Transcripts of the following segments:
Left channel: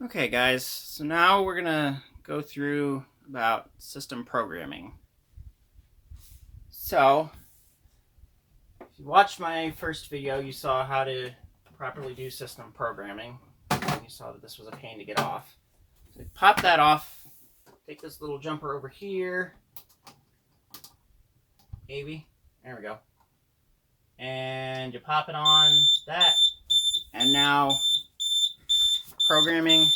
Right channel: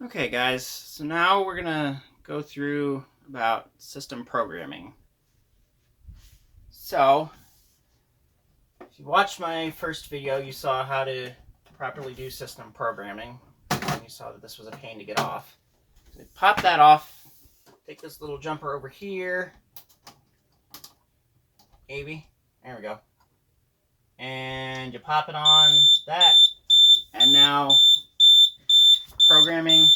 Okay guys, so now we're gonna go through about system programming. So, if you watched my first video, you saw how to properly do system programming. And you saw that this was a pain to get off. So pop that off, take this little jumper over here, maybe, there we go. And you pop it on that, and now programming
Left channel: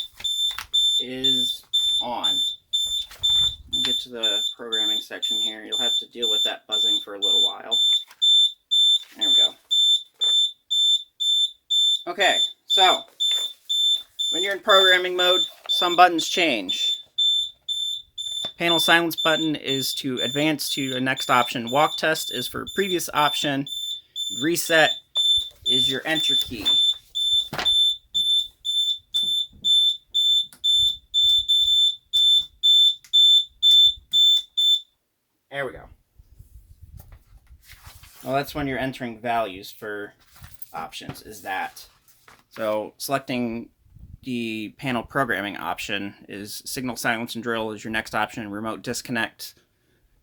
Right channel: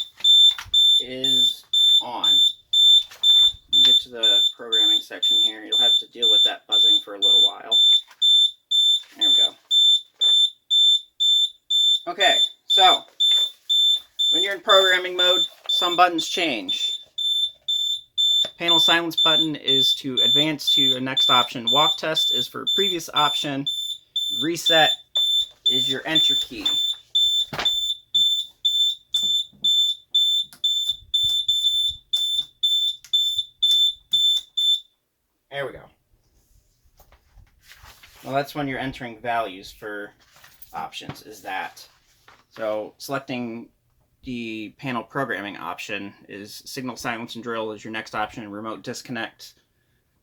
is on. Let me get to the programming section here. You'll have to deal with that buzzing for a little while. There we go. Okay, so when you're in programming mode, some buttons change. Panel silence button is to advance to a next option. Walk test is for previous option. Reset is your enter key. There we go. Well, that's when you're entering values for options, is that. So selecting the panel programming option is signal silence and drill is your next option. Remote disconnect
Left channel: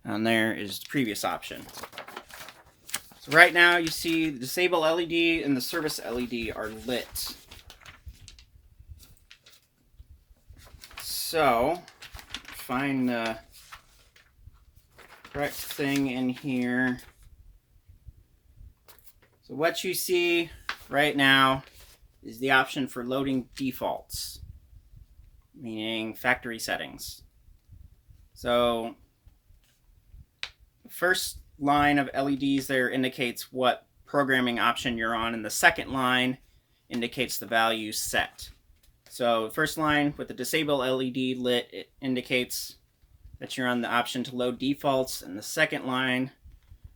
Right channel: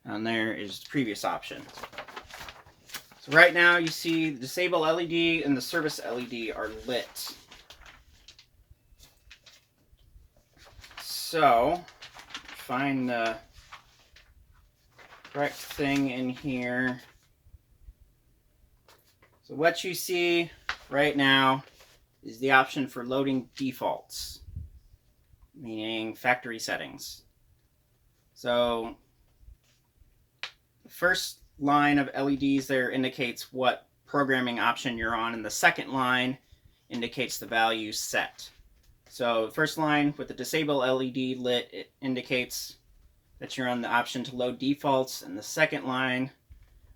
and there is the previous option. So right now you see the disable LED and the service LED are lit. So find the correct thing in here. So what you see right now is the option for loading defaults, meaning factory settings. So the first line of LEDs there indicates what programming option you're on, and the second line indicates the value set. So the first line with the disable LED lit, it indicates that you're on the option to load defaults, and the second line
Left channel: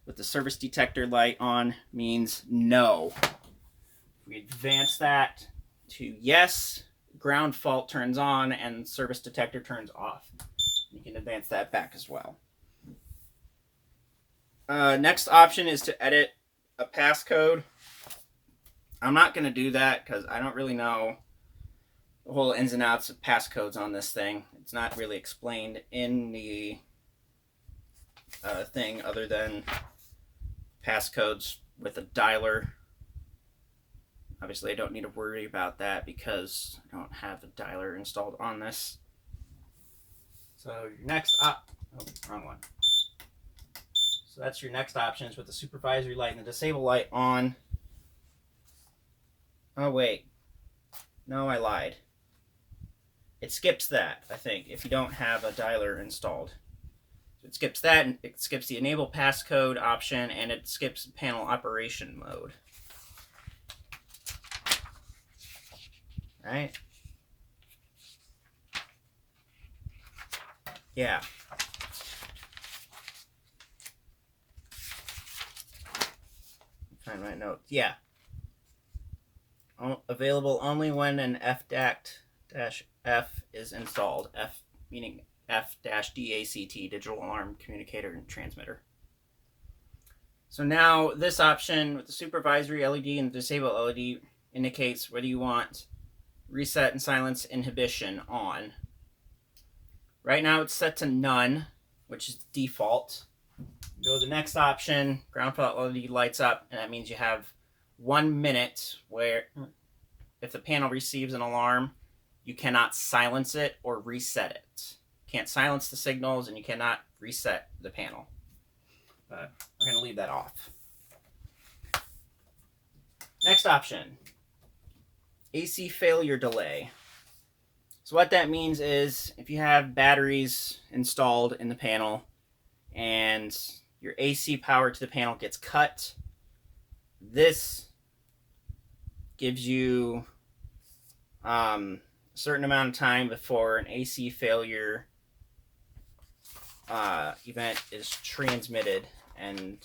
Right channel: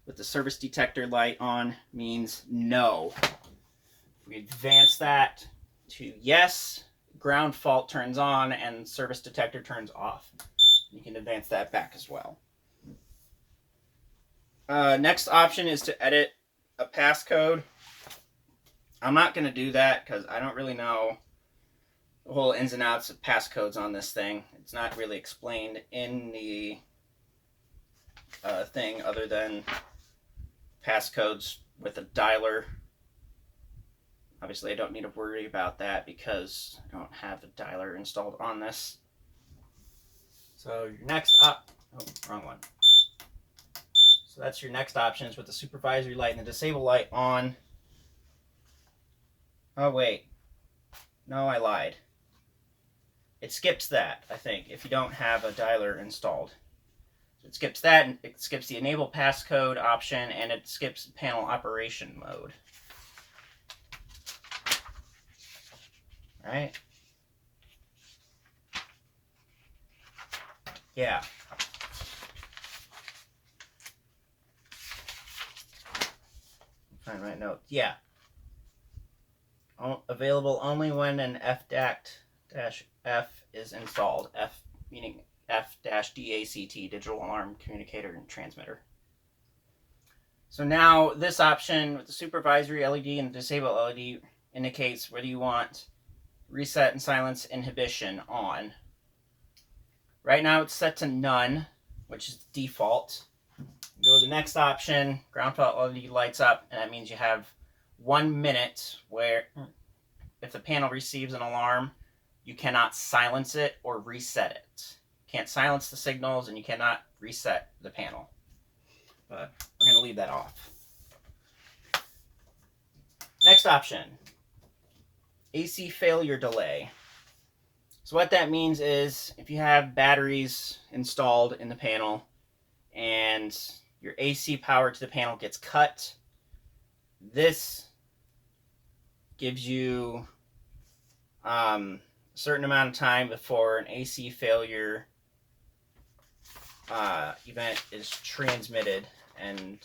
with the service detector light on means no. We advance that to yes, ground fault turns on and service detector turns off. You can advance that back as well. Next option is to edit a passcode. I'm not going to do that because I don't really know the whole ins and outs of passcodes on this thing. It's not really explained in the thing other than passcodes with a dialer. Obviously, I don't need to worry about that because I don't have a dialer installed on this. So your next wrong one. So that's your next options with the supervisory light and the disable light on. Oh wait, no, I lied. It skips that, I think, if you don't have a dialer installed. So it skips that, and it skips the enable passcode option, and it skips panel operation mode. Right? Yeah. Find my note. Yeah. Available only when an F-F is installed. F meaning F-DACT, digital alarm communicator and transmitter. So now this option with the supervisory LED and the disable LED indicates whether you want reset and silence inhibition on. Right now it's set to none, which is the default. Go to the next option, ground fault LED lights up, and that means you have 1 minute where if the panel receives an alarm, you cannot silence it or reset it. You can't silence the signals and you cannot reset the panel. But we're going to leave that off. Next option, AC failure delay. So what that means is if you have batteries installed in the panel and your AC power to the panel gets cut, this gives you a certain amount of time before an AC failure event is transmitted, and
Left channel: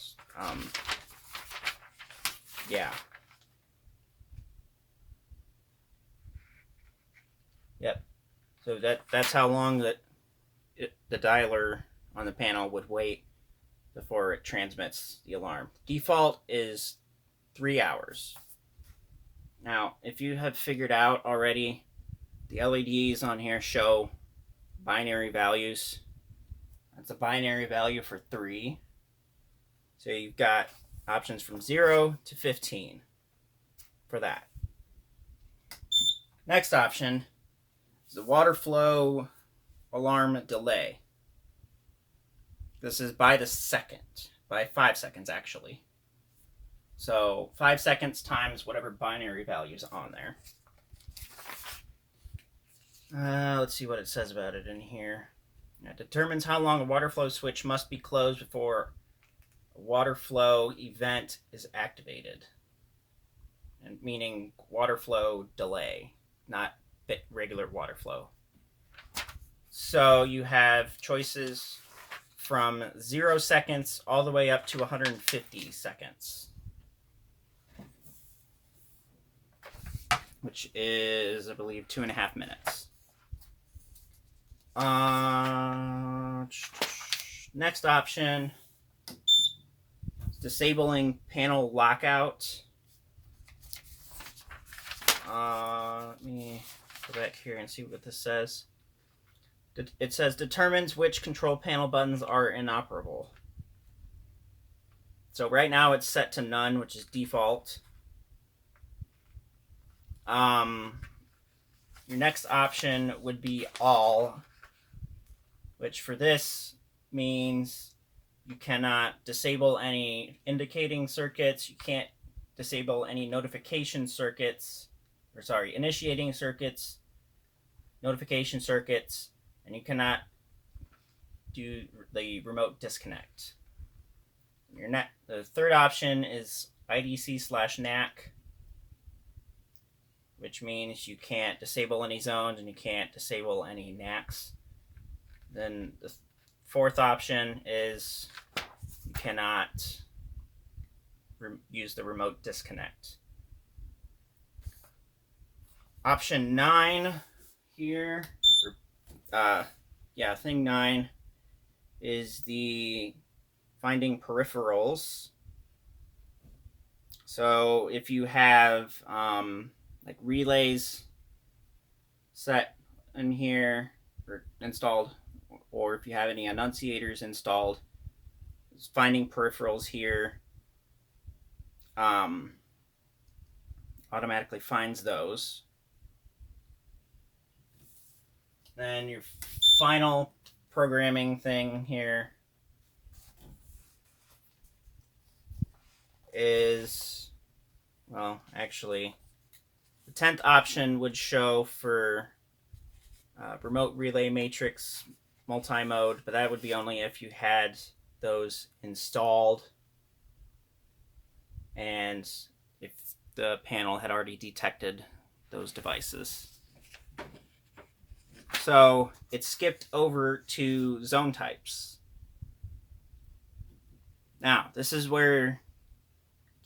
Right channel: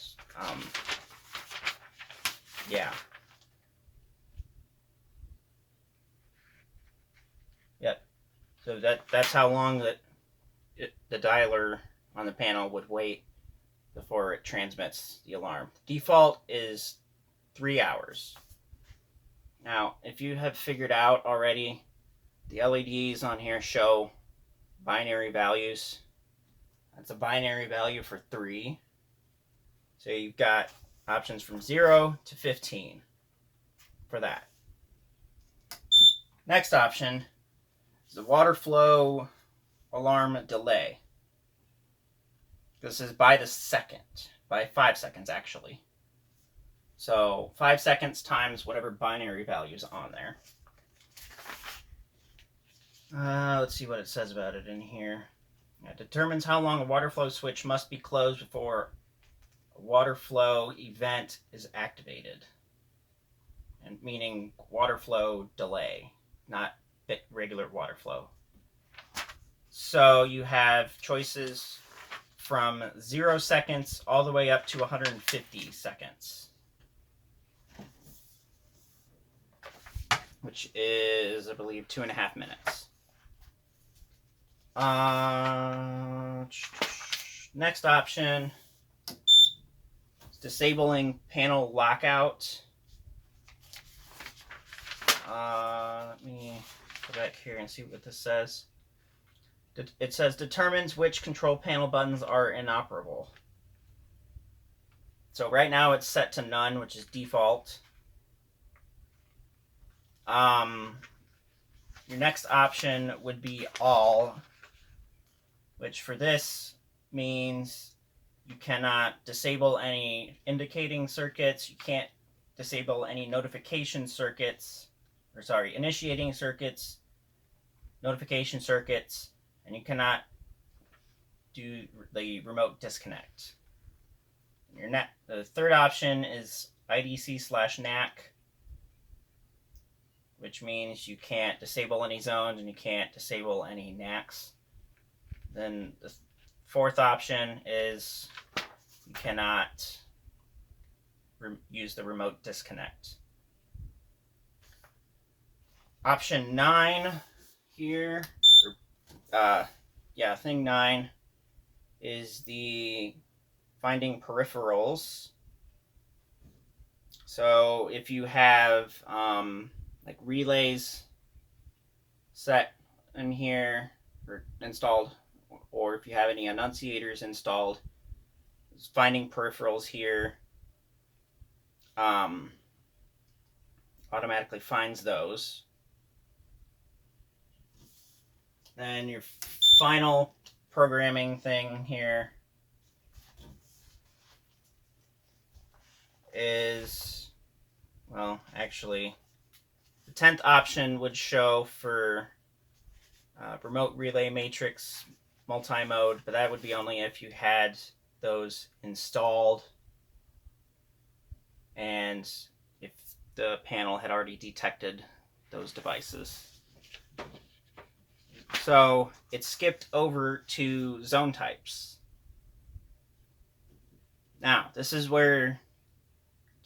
yeah. Yep. So that's how long that the dialer on the panel would wait before it transmits the alarm. Default is 3 hours. Now, if you have figured out already the LEDs on here show binary values. That's a binary value for 3. So you've got options from 0 to 15 for that. Next option is the water flow alarm delay. This is by the second, by 5 seconds actually. So 5 seconds times whatever binary value is on there. Let's see what it says about it in here. It determines how long a water flow switch must be closed before a water flow event is activated. And meaning water flow delay, not regular water flow. So you have choices from 0 seconds all the way up to 150 seconds. Which is, I believe, 2.5 minutes. Next option is disabling panel lockout. Let me go back here and see what this says. It says determines which control panel buttons are inoperable. So right now it's set to none, which is default. Your next option would be all, which for this means you cannot disable any indicating circuits, you can't disable any notification circuits, initiating circuits, notification circuits, and you cannot do the remote disconnect. The third option is IDC/NAC, which means you can't disable any zones and you can't disable any NACs. Then the fourth option is you cannot use the remote disconnect. Option 9 here, thing 9 is the finding peripherals. So if you have like relays set in here or installed, or if you have any annunciators installed, finding peripherals here automatically finds those. Then your final programming thing here is, well, actually, the 10th option would show for remote relay matrix multi-mode, but that would be only if you had those installed and if the panel had already detected those devices. So it skipped over to zone types. Now, this is where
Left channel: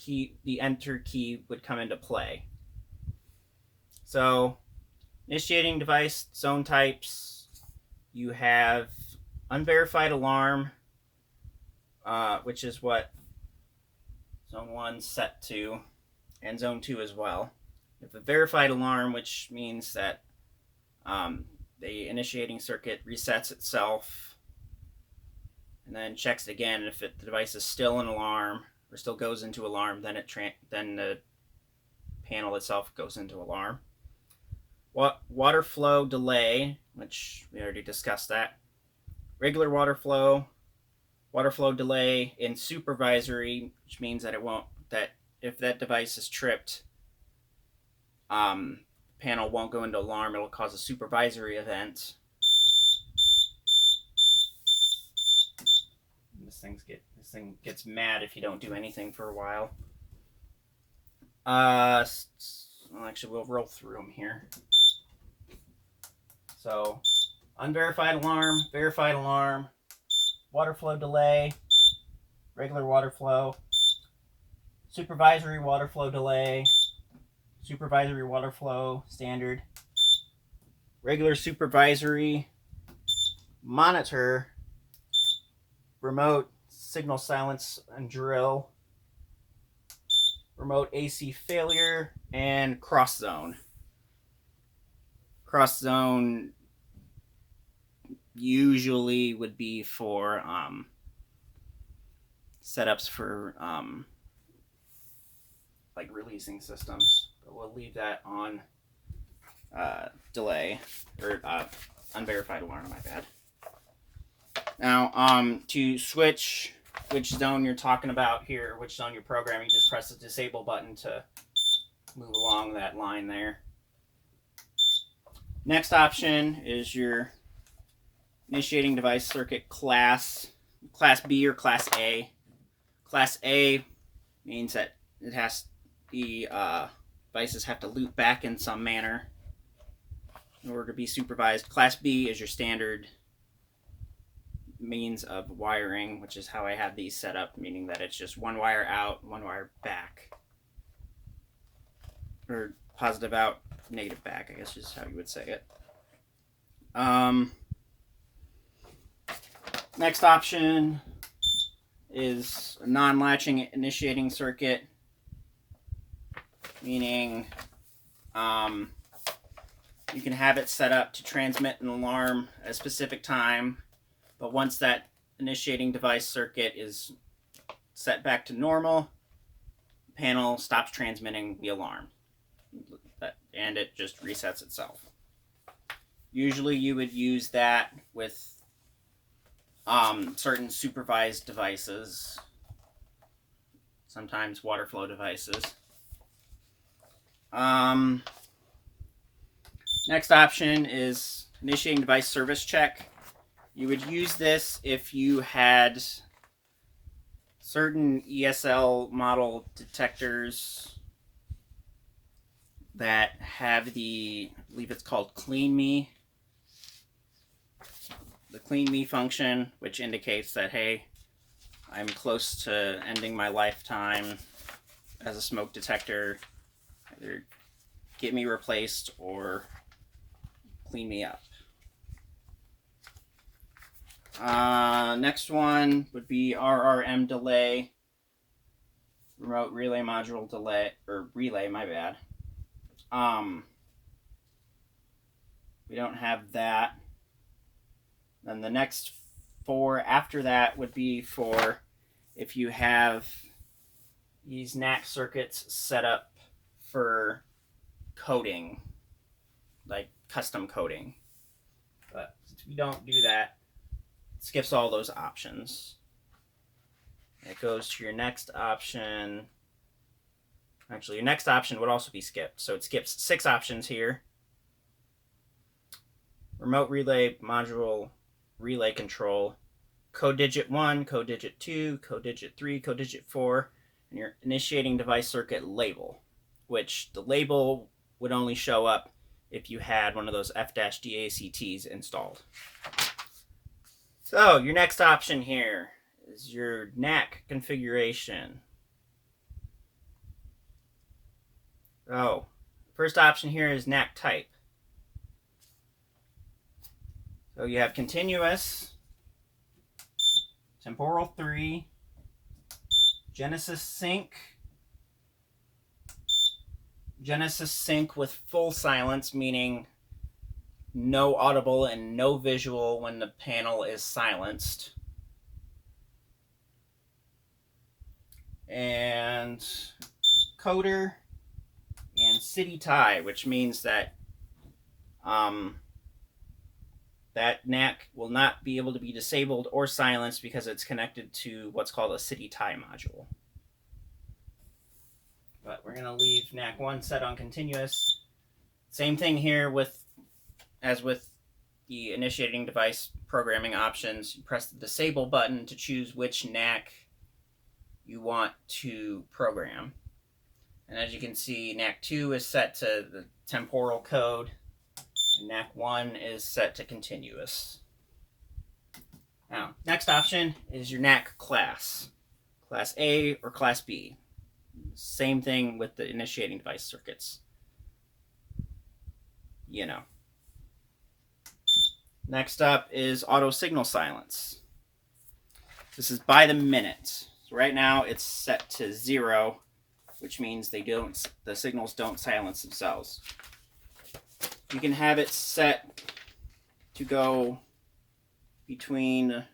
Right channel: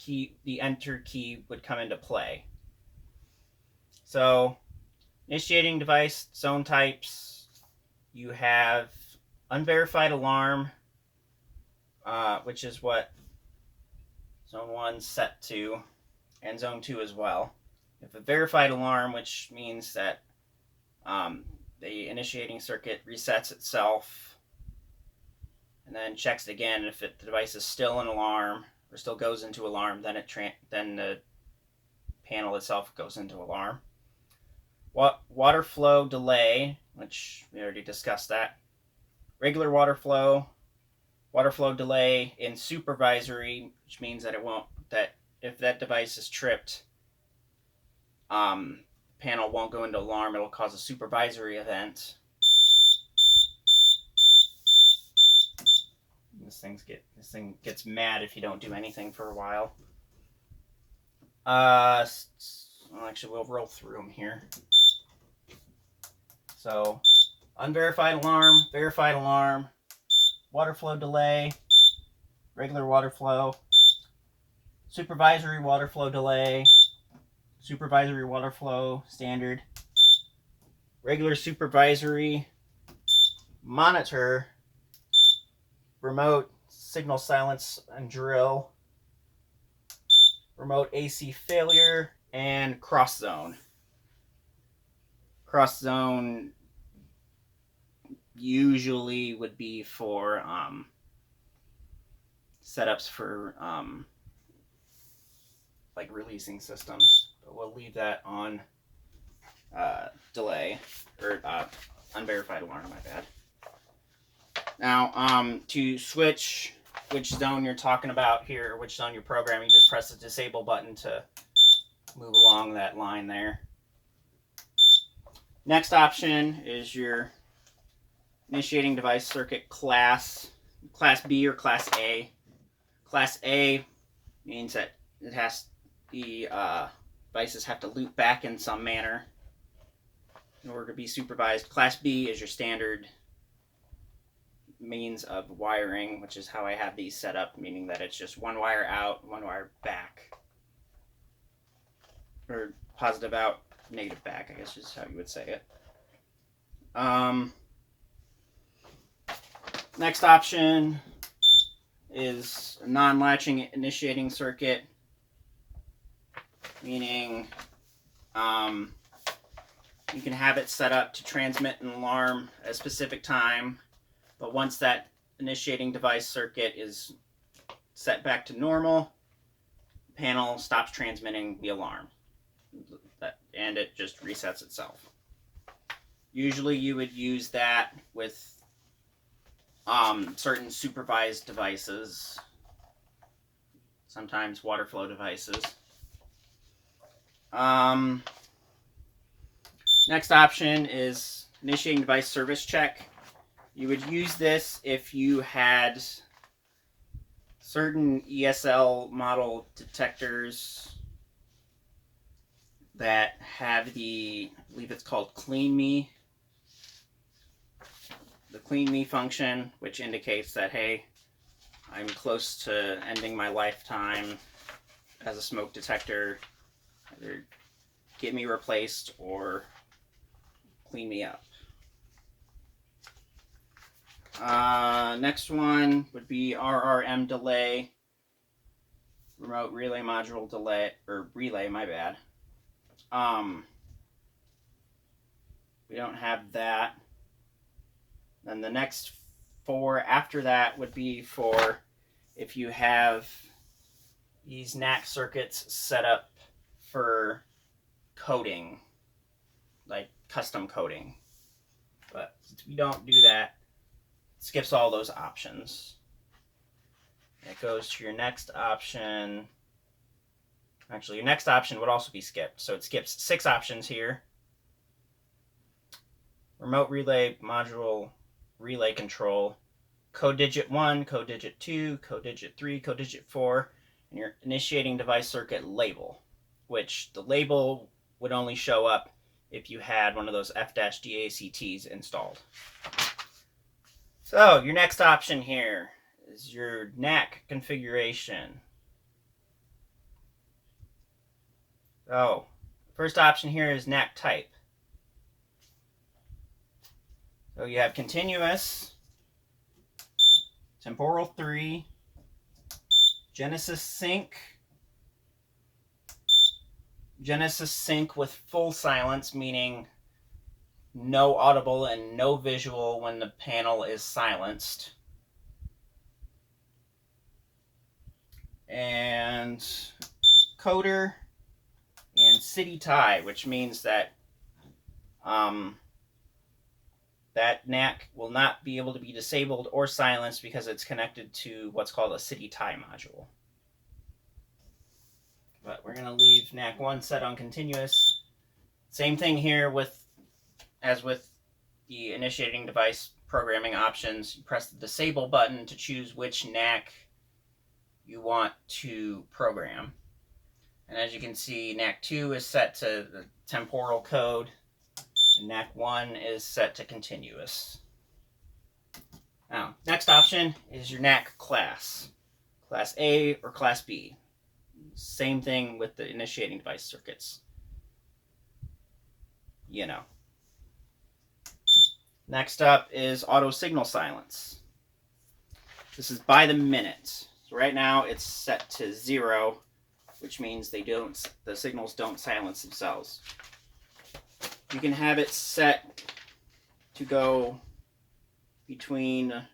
the enter key would come into play. So, initiating device, zone types, you have unverified alarm, which is what zone 1's set to, and zone 2 as well. You have a verified alarm, which means that the initiating circuit resets itself and then checks it again. If the device is still an alarm or still goes into alarm, then then the panel itself goes into alarm. Water flow delay, which we already discussed that. Regular water flow delay in supervisory, which means that if that device is tripped, panel won't go into alarm. It'll cause a supervisory event. This thing gets mad if you don't do anything for a while. Actually, we'll roll through them here. So, unverified alarm, verified alarm, water flow delay, regular water flow, supervisory water flow delay, supervisory water flow standard, regular supervisory, monitor, remote signal silence and drill, remote AC failure, and cross zone. cross zone usually would be for setups for like releasing systems, but we'll leave that on delay or unverified alarm. My bad. Now, to switch which zone you're talking about here, which zone you're programming, just press the disable button to move along that line there. Next option is your initiating device circuit class B or class A. Class A means that it has the devices have to loop back in some manner in order to be supervised. Class B is your standard means of wiring, which is how I have these set up, meaning that it's just one wire out, one wire back. Or positive out, negative back, I guess is how you would say it. Next option is a non-latching initiating circuit, meaning you can have it set up to transmit an alarm at a specific time, but once that initiating device circuit is set back to normal, the panel stops transmitting the alarm, and it just resets itself. Usually you would use that with certain supervised devices, sometimes water flow devices. Next option is initiating device service check. You would use this if you had certain ESL model detectors that have the, I believe it's called Clean Me. The Clean Me function, which indicates that, hey, I'm close to ending my lifetime as a smoke detector. Either get me replaced or clean me up. Next one would be RRM delay, remote relay module delay, or relay, my bad. We don't have that. Then the next four after that would be for if you have these NAC circuits set up for coding, like custom coding. But since we don't do that, it skips all those options. It goes to your next option. Actually, your next option would also be skipped. So it skips 6 options here. Remote relay module relay control, code digit 1, code digit 2, code digit 3, code digit 4, and your initiating device circuit label, which the label would only show up if you had one of those F-DACTs installed. So your next option here is your NAC configuration. Oh, first option here is NAC type. So you have continuous, temporal 3, Genesis sync with full silence, meaning no audible and no visual when the panel is silenced. And coder and city tie, which means that that NAC will not be able to be disabled or silenced because it's connected to what's called a city tie module. But we're going to leave NAC 1 set on continuous. Same thing here as with the initiating device programming options. You press the disable button to choose which NAC you want to program. And as you can see, NAC 2 is set to the temporal code, and NAC 1 is set to continuous. Now, next option is your NAC class. Class A or Class B. Same thing with the initiating device circuits. You know. Next up is auto signal silence. This is by the minute. So right now it's set to 0, which means the signals don't silence themselves. You can have it set to go between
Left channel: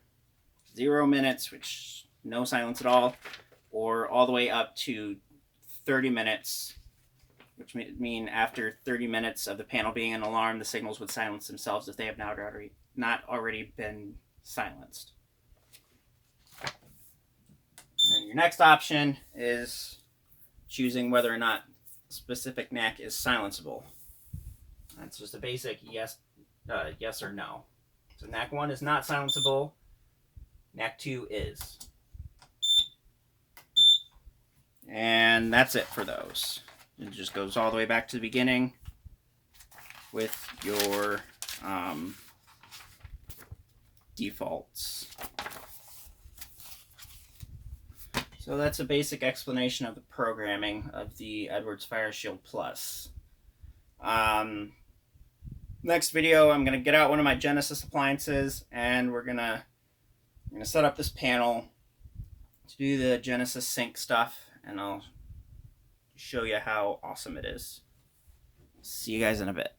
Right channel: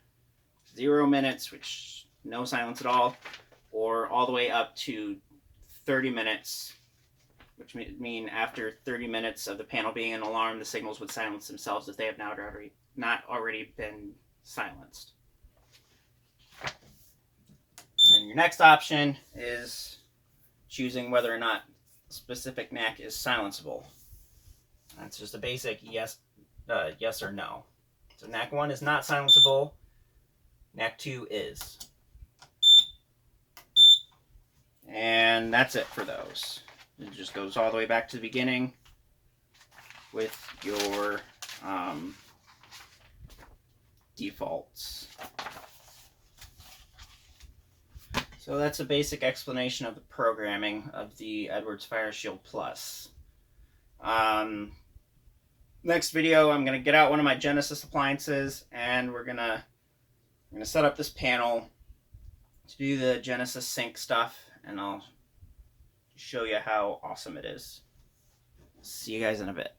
0 minutes, which no silence at all the way up to 30 minutes, which would mean after 30 minutes of the panel being an alarm, the signals would silence themselves if they have not already been silenced. And your next option is choosing whether or not a specific NAC is silenceable. That's just a basic yes or no. So NAC 1 is not silenceable. NAC 2 is. And that's it for those. It just goes all the way back to the beginning with your defaults. So that's a basic explanation of the programming of the Edwards FireShield Plus. Next video, I'm going to get out one of my Genesis appliances, and we're gonna set up this panel to do the Genesis sync stuff, and I'll show you how awesome it is. See you guys in a bit.